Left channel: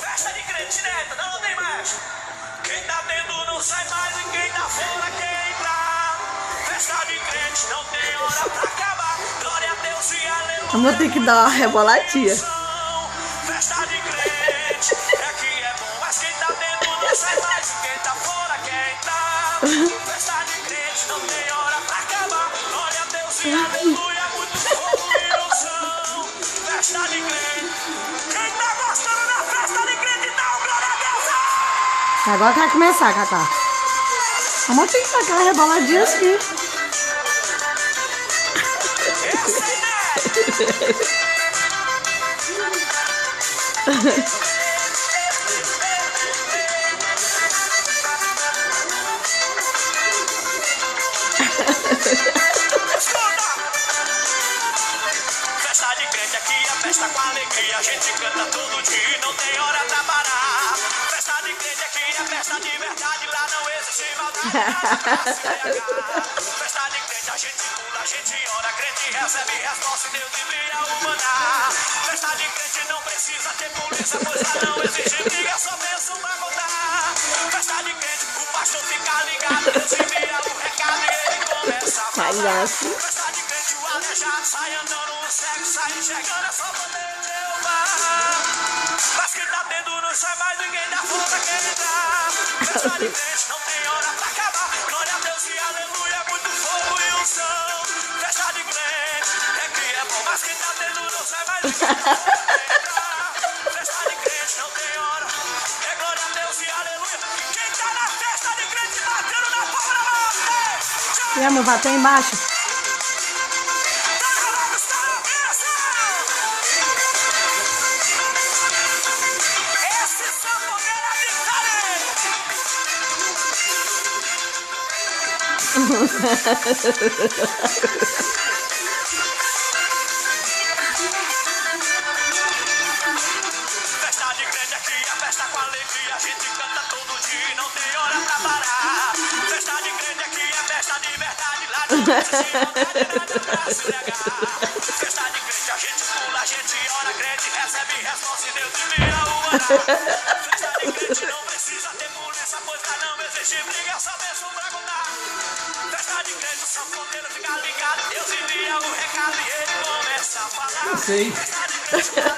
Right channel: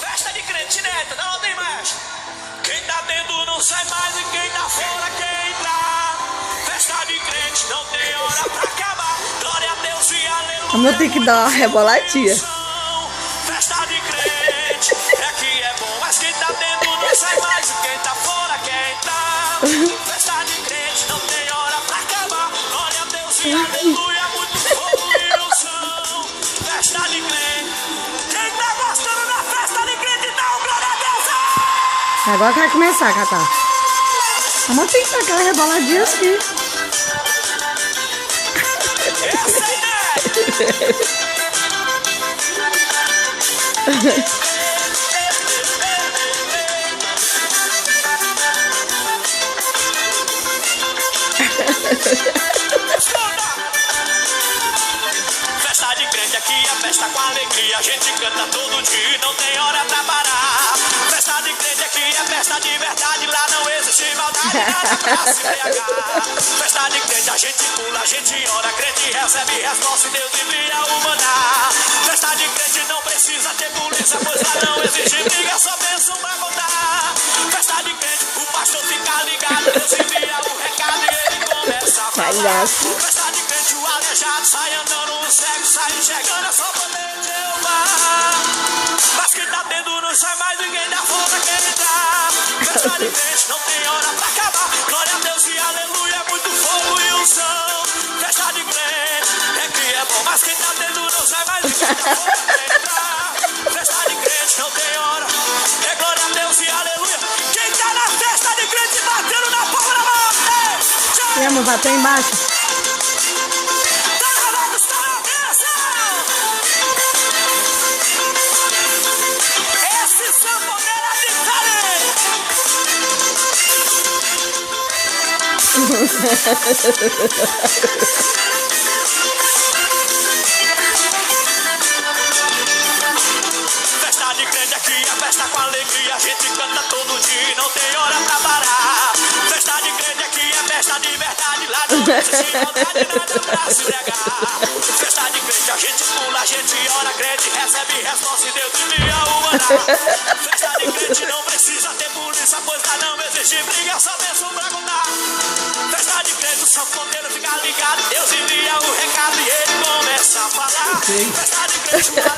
Festa de crente, neta, não tem mais. Quem tá dentro não sai mais e quem tá fora quer entrar. Festa de crente, não tem hora pra acabar. Glória a Deus e aleluia. Eu vou ter que dar uma reboladinha. Festa de crente, é que é bom, mas quem tá dentro não sai mais e quem tá fora quer entrar. Festa de crente, não tem hora pra acabar. Glória a Deus e aleluia, muito fogo e unção. Festa de crente, quem tá gostando da festa de crente, dá um glória a Deus. Agora vai começar a catar. Vamos ter que dar aquela reboladinha assim. Essa é festa de crente aqui é festa com alegria. A gente canta todo dia, não tem hora pra parar. Festa de crente aqui é festa de verdade. Lá não existe maldade, nada pra se pegar. Festa de crente a gente pula, a gente ora. Crente recebe resposta e Deus envia o maná. Festa de crente não precisa ter polícia, pois lá não existe briga, só bênção pra contar. Festa de crente, o pastor fica ligado. Deus envia o recado e ele começa a falar. Festa de crente, o aleijado sai andando, o cego sai enxergando, é só poder Jeová. Mas quem tá dentro não sai mais, ninguém da fora quer entrar. Festa de crente, não tem hora pra acabar. Glória a Deus e aleluia, muito fogo e unção. Festa de crente, é que é bom, mas quem tá dentro não sai mais, ninguém da fora quer entrar. Festa de crente, não tem hora, é glória a Deus e aleluia. Quem tá na festa de crente batendo na palma da mão. E amor, bater embaixo. Festa de crente aqui é festa com alegria. A gente canta todo dia, não tem hora pra parar. Festa de crente aqui é festa de verdade. Lá não existe maldade, nada pra se negar. Festa de crente a gente pula, a gente ora. Crente recebe resposta e Deus envia o maná. Festa de crente não precisa ter polícia, pois lá não existe briga, só bênção pra contar. Festa de crente, o sanfoneiro fica ligado. Deus envia o recado e ele começa a falar. Festa